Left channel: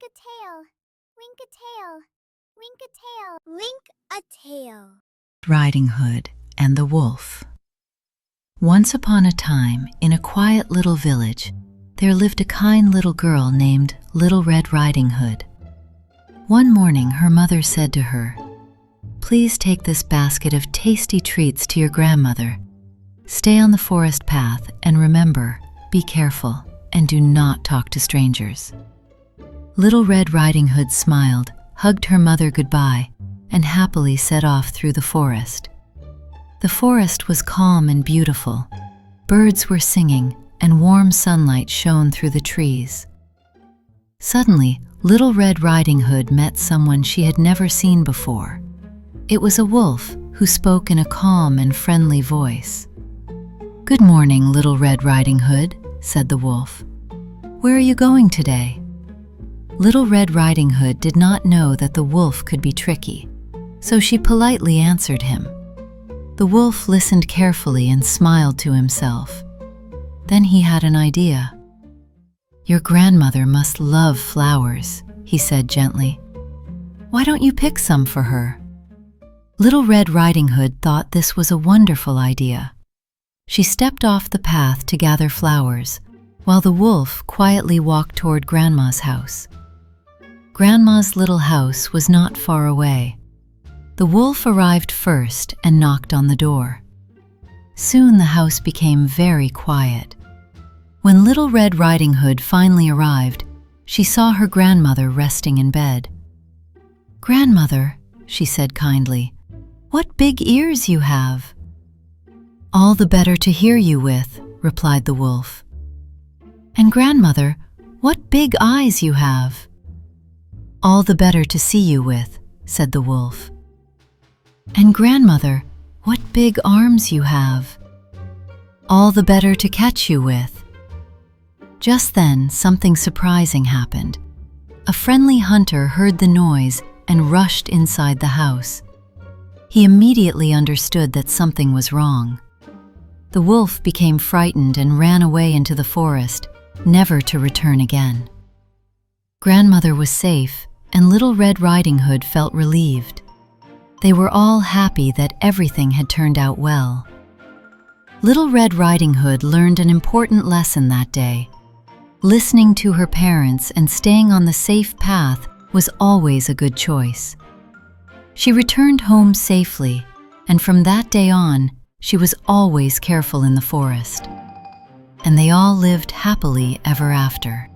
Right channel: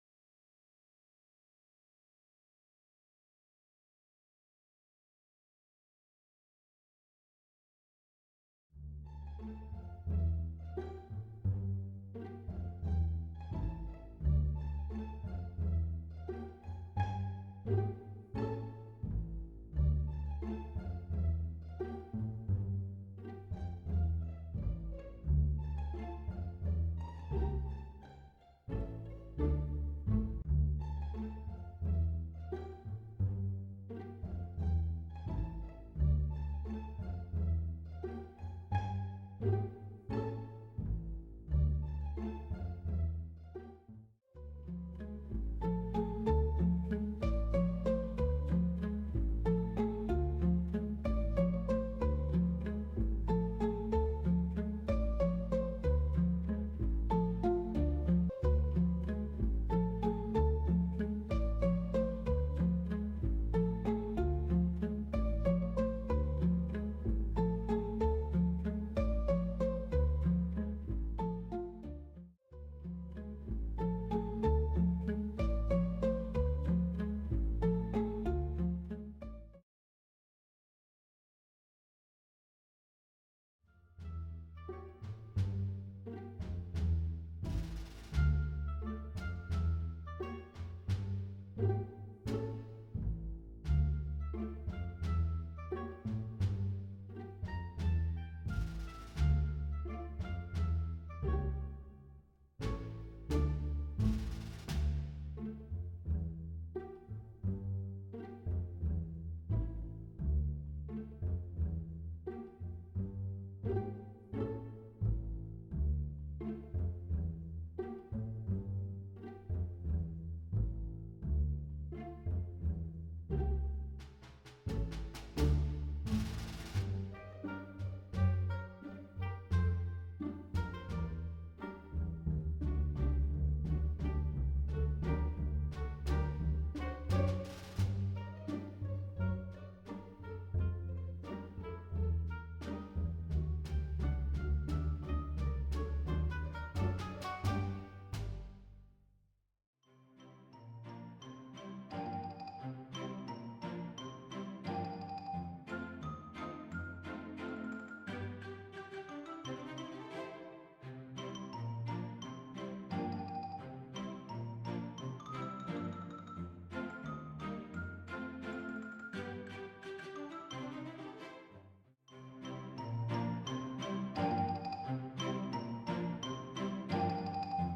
Wink a tail, wink a tail, wink a tail, wink a tail. Riding Hood and the Wolf. Once upon a time, in a quiet little village, there lived a kind little girl named Little Red Riding Hood. One morning, her mother said to her, "Please take this basket of tasty treats to your grandmother. Stay on the forest path and remember, be careful and do not talk to strangers." Little Red Riding Hood smiled, hugged her mother goodbye, and happily set off through the forest. The forest was calm and beautiful. Birds were singing, and warm sunlight shone through the trees. Suddenly, Little Red Riding Hood met someone she had never seen before. It was a wolf who spoke in a calm and friendly voice. "Good morning, Little Red Riding Hood," said the wolf. "Where are you going today?" Little Red Riding Hood did not know that the wolf could be tricky, so she politely answered him. The wolf listened carefully and smiled to himself. Then he had an idea. "Your grandmother must love flowers," he said gently. "Why don't you pick some for her?" Little Red Riding Hood thought this was a wonderful idea. She stepped off the path to gather flowers, while the wolf quietly walked toward Grandma's house. Grandma's little house was not far away. The wolf arrived first and knocked on the door. Soon the house became very quiet. When Little Red Riding Hood finally arrived, she saw her grandmother resting in bed. "Grandmother," she said kindly, "what big ears you have." "All the better to hear you with," replied the wolf. "And grandmother, what big eyes you have." "All the better to see you with," said the wolf. "And grandmother, what big arms you have." "All the better to catch you with." Just then, something surprising happened. A friendly hunter heard the noise and rushed inside the house. He immediately understood that something was wrong. The wolf became frightened and ran away into the forest, never to return again. Grandmother was safe, and Little Red Riding Hood felt relieved. They were all happy that everything had turned out well. Little Red Riding Hood learned an important lesson that day. Listening to her parents and staying on the safe path was always a good choice. She returned home safely, and from that day on, she was always careful in the forest. And they all lived happily ever after.